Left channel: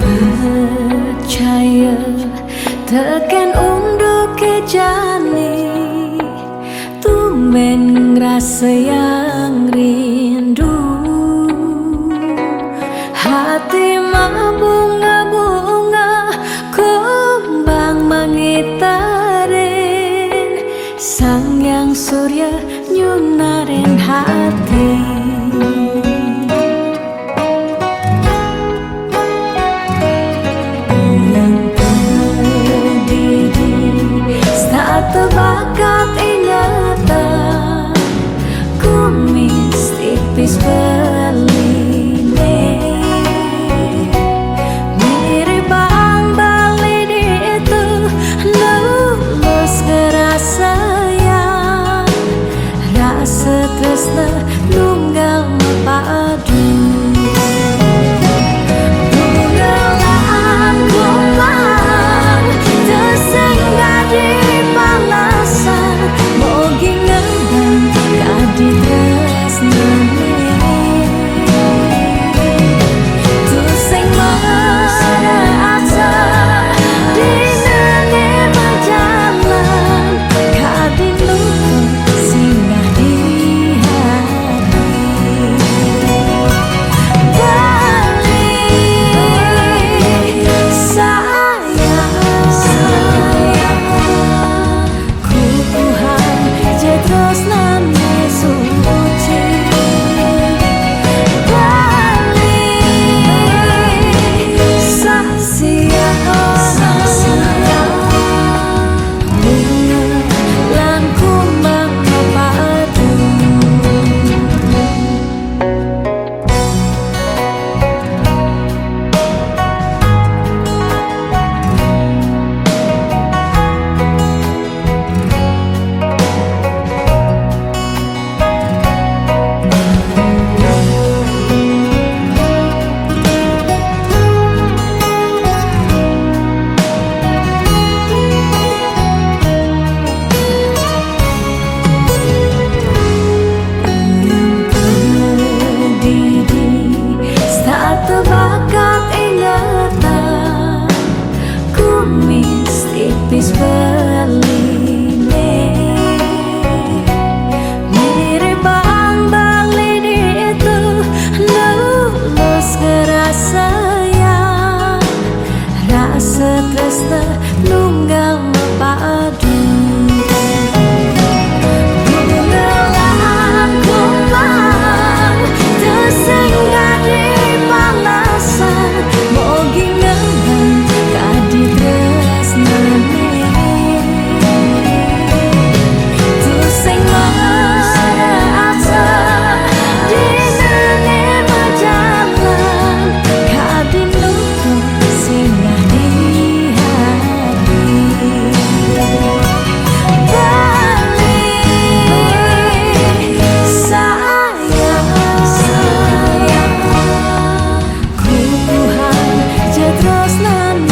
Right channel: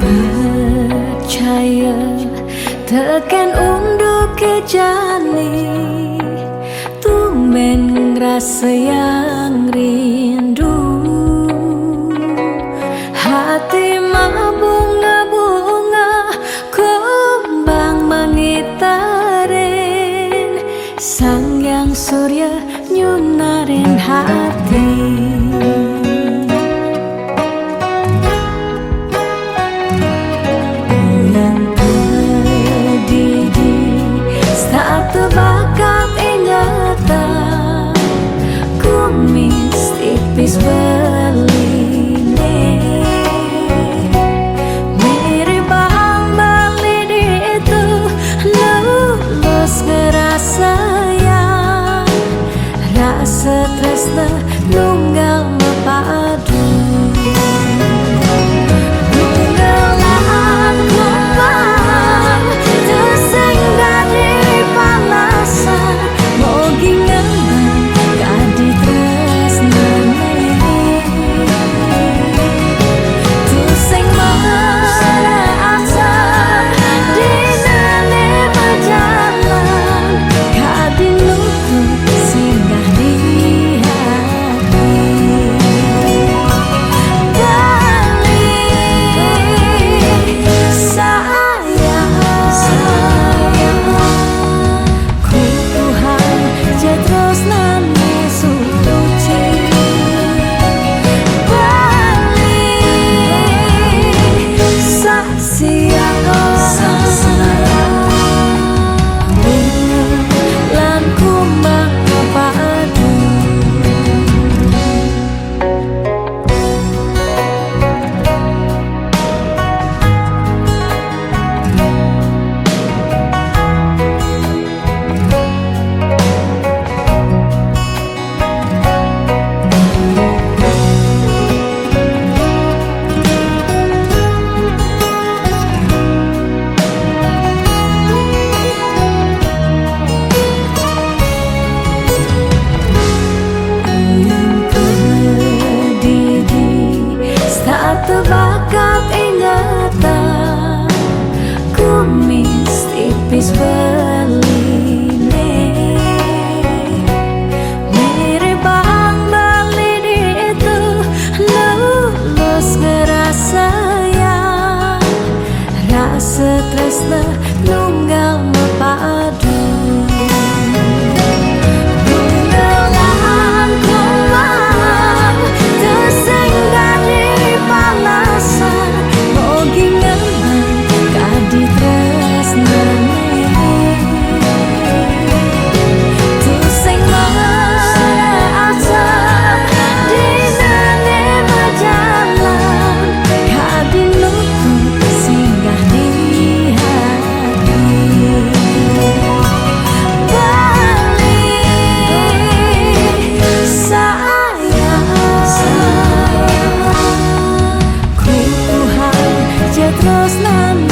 Percaya tekan unduk ke jani, tumben ngerasa yang rindu. Hati mabunga-bunga, kumbang mangitarin, sang yang surya nyunarin hati. Saat terbakat ingatan, kumis tipis beline, mirip bang bali itu lulus ngerasa yang rasa tresna nunggal mapadu. Nunggalan kumbang tersenggah di palasan, mogi ngembang kadi tresnane. Tuseng mana asa dinane berjalan, kadi lutut singgah di hati. Balik terus nane suci, balik sasia bunga lan kumbang padu. Terbakat ingatan, kumis tipis beline, mirip bang bali itu lulus ngerasa yang rasa tresna nunggal mapadu. Nunggalan kumbang tersenggah di palasan, mogi ngembang kadi tresnane. Tuseng mana asa dinane berjalan, kadi lutut singgah di hati. Balik sayang, terus nan